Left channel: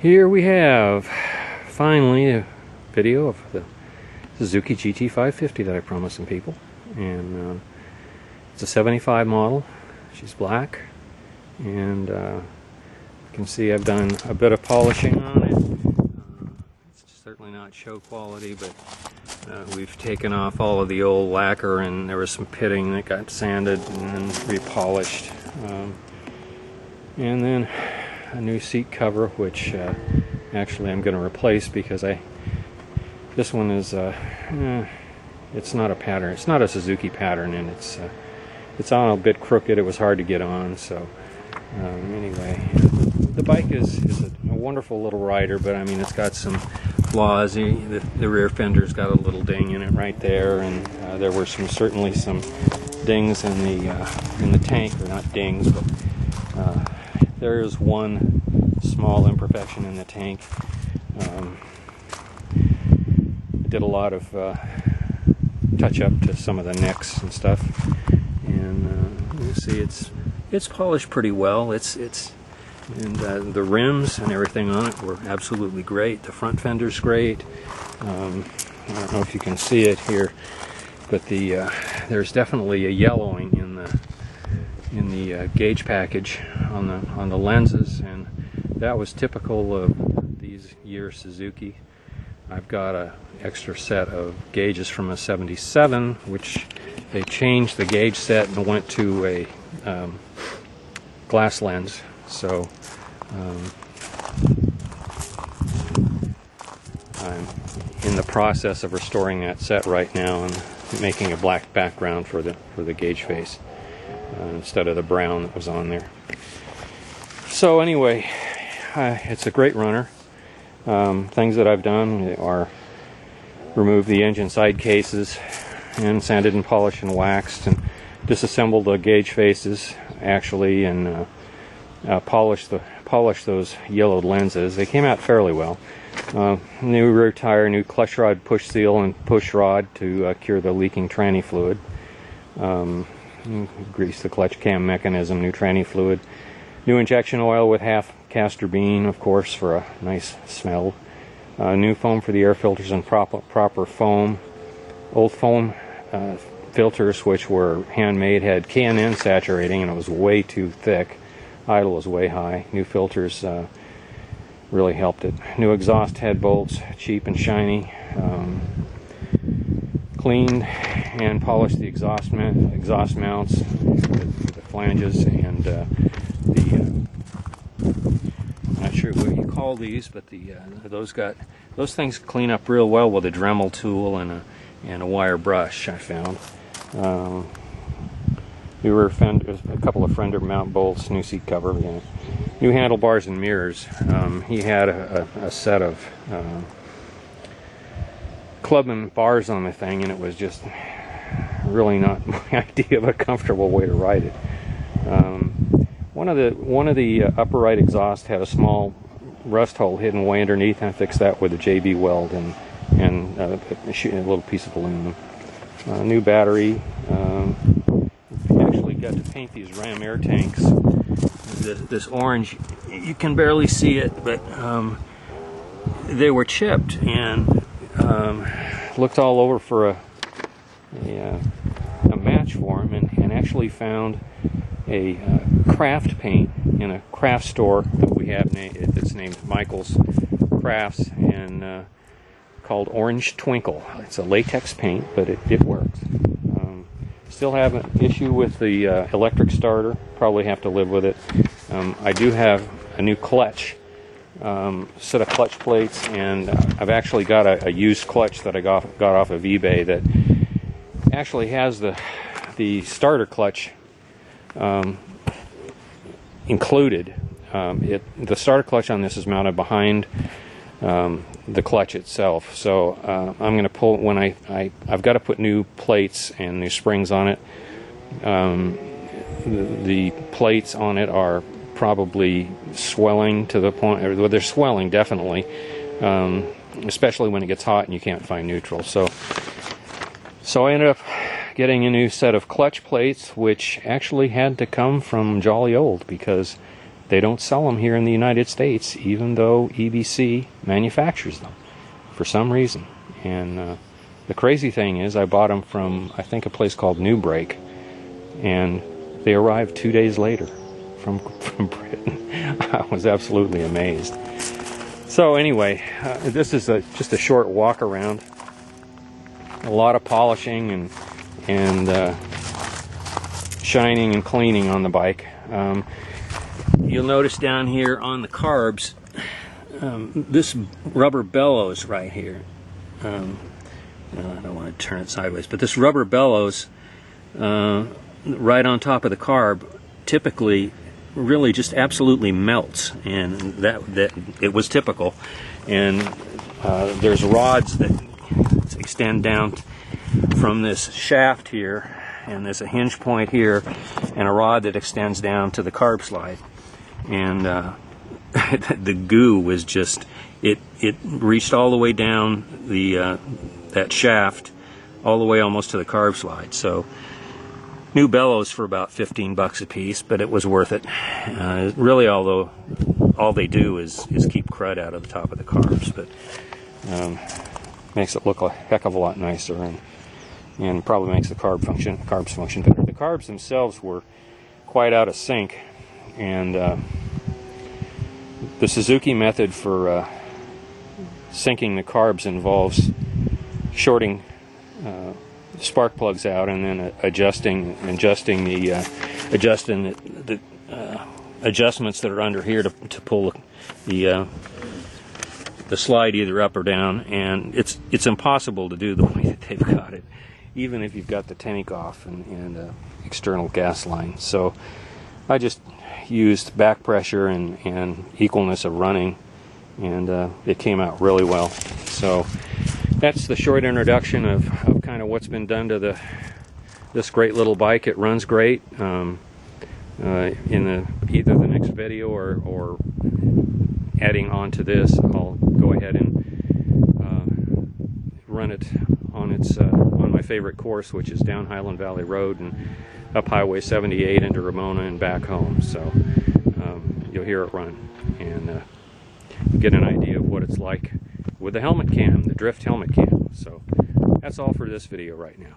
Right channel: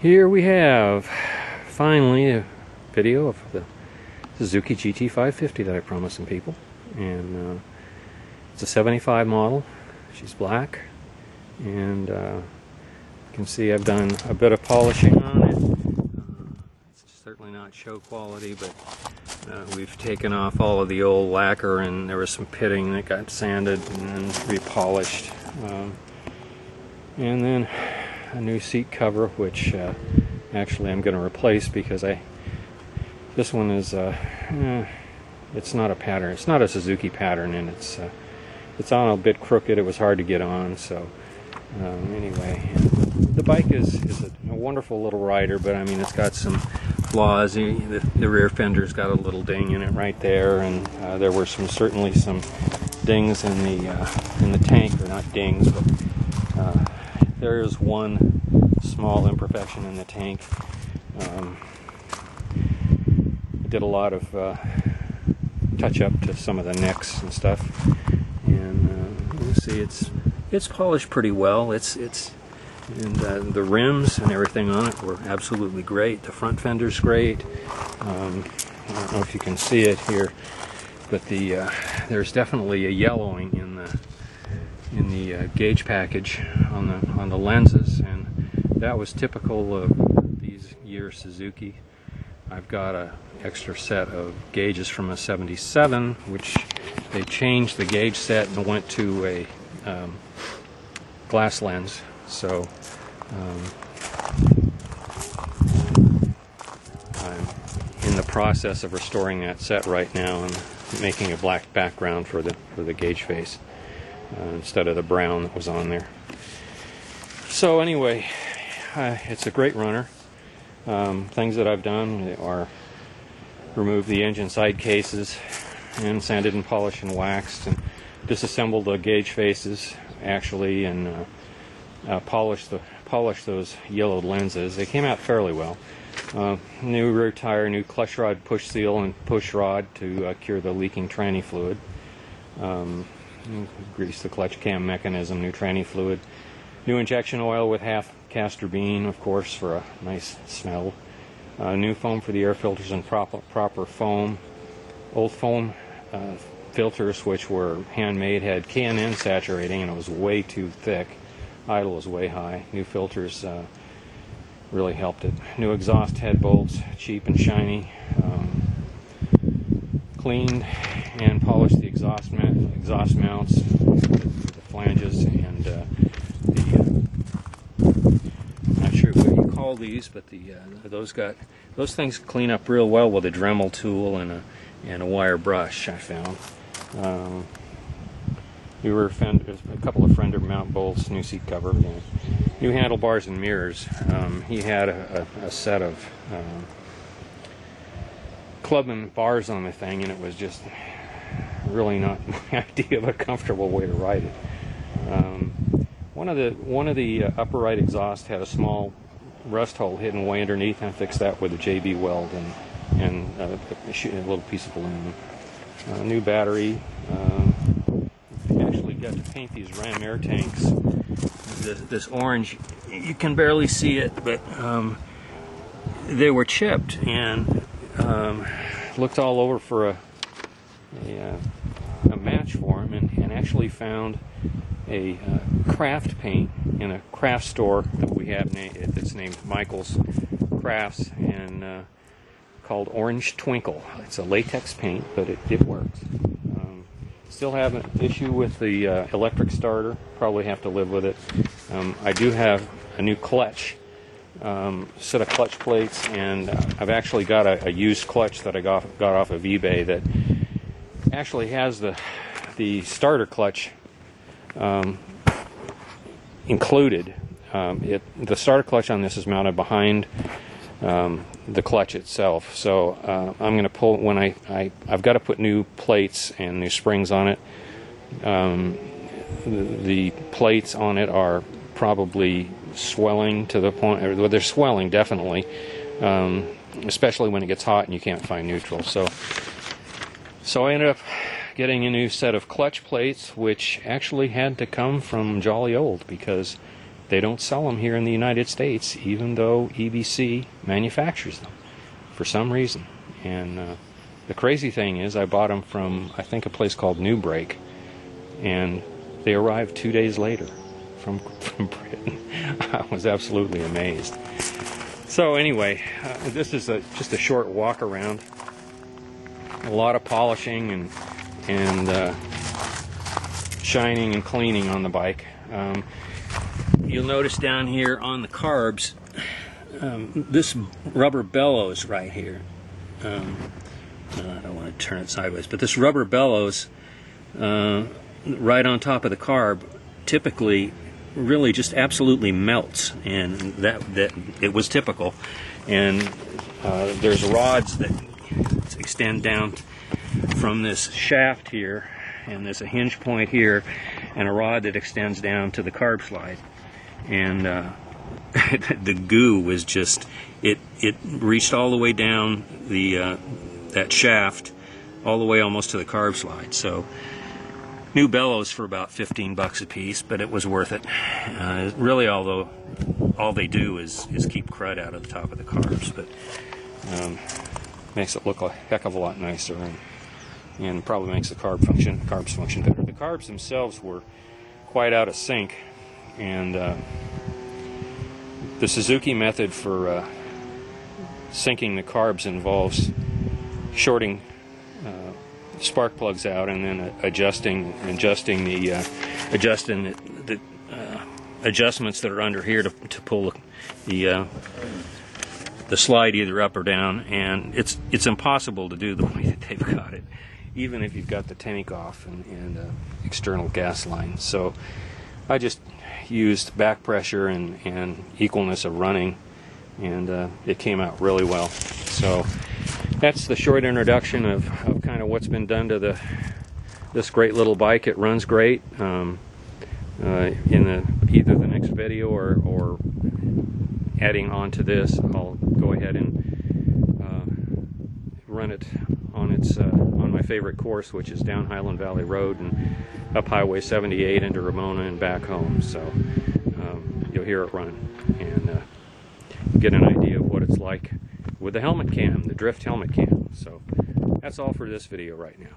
Here we have finally a video of the Suzuki GT550 that I promised some people, and it's a 75 model. She's black, and you can see I've done a bit of polishing on it. It's certainly not show quality, but we've taken off all of the old lacquer, and there was some pitting that got sanded and then repolished, and then a new seat cover, which actually I'm going to replace because this one is it's not a pattern. It's not a Suzuki pattern, and it's on a bit crooked. It was hard to get on. So anyway, the bike is a wonderful little rider, but I mean it's got some flaws. The rear fender's got a little ding in it right there, and there were certainly some dings in the tank, or not dings, but there is one small imperfection in the tank. I did a lot of touch up to some of the necks and stuff, and you see it's polished pretty well. And the rims and everything on it were absolutely great. The front fender's great. I don't know if you can see it here, but there's definitely a yellowing in the gauge package on the lenses, and that was typical of these years Suzuki. I've got an extra set of gauges from a 77, which they changed the gauge set and went to a glass lens. So I'm in the process of restoring that set right now and making a black background for the gauge face, instead of the brown that was on there. So anyway, it's a great runner. Things that I've done are remove the engine side cases and sanded and polished and waxed, and disassembled the gauge faces actually, and polished those yellowed lenses. They came out fairly well. New rear tire, new clutch rod push seal and push rod to cure the leaking tranny fluid. Grease the clutch cam mechanism, new tranny fluid, new injection oil with half castor bean, of course, for a nice smell. New foam for the air filters and proper foam. Old foam filters, which were handmade, had K&N saturating, and it was way too thick. Idle was way high. New filters really helped it. New exhaust head bolts, cheap and shiny. Cleaned and polished the exhaust mounts, the flanges, and I'm not sure what you call these, but those things clean up real well with a Dremel tool and a wire brush, I found. New rear fender, a couple of fender mount bolts, new seat cover, new handlebars and mirrors. He had a set of clubman bars on the thing, and it was just really not my idea of a comfortable way to ride it. One of the upper right exhaust had a small rust hole hidden way underneath, and I fixed that with a JB weld and a little piece of aluminum. New battery. Actually got to paint these Ram air tanks. This orange, you can barely see it, but they were chipped, and looked all over for a match for them, and actually found a craft paint in a craft store that we have that's named Michael's Crafts, and called Orange Twinkle. It's a latex paint, but it works. Still have an issue with the electric starter. Probably have to live with it. I do have a new clutch, set of clutch plates, and I've actually got a used clutch that I got off of eBay that actually has the starter clutch included. The starter clutch on this is mounted behind the clutch itself, so I'm going to pull when I've got to put new plates and new springs on it. The plates on it are probably swelling to the point, or they're swelling definitely, especially when it gets hot and you can't find neutral. So I ended up getting a new set of clutch plates, which actually had to come from Jolly Old, because they don't sell them here in the United States, even though EBC manufactures them for some reason. And the crazy thing is, I bought them from, I think, a place called New Break, and they arrived 2 days later from Britain. I was absolutely amazed. So anyway, this is just a short walk around. A lot of polishing and shining and cleaning on the bike. You'll notice down here on the carbs, this rubber bellows right here. I don't want to turn it sideways, but this rubber bellows right on top of the carb typically really just absolutely melts, and that it was typical. And there's rods that extend down from this shaft here, and there's a hinge point here and a rod that extends down to the carb slide, and the goo was just it reached all the way down the that shaft all the way almost to the carb slide. So new bellows for about $15 a piece, but it was worth it. Really, although all they do is keep crud out of the top of the carbs, but makes it look a heck of a lot nicer, and probably makes the carbs function better. The carbs themselves were quite out of sync, and the Suzuki method for syncing the carbs involves shorting spark plugs out and then adjusting the adjustments that are under here to pull the slide either up or down, and it's impossible to do the way that they've got it, even if you've got the tank off and external gas line. So I just used back pressure and equalness of running, and it came out really well. So that's the short introduction of kind of what's been done to this great little bike. It runs great. In either the next video or adding on to this, I'll go ahead and run it on my favorite course, which is down Highland Valley Road and up Highway 78 into Ramona and back home. So you'll hear it run and get an idea of what it's like with the helmet cam, the drift helmet cam. So that's all for this video right now.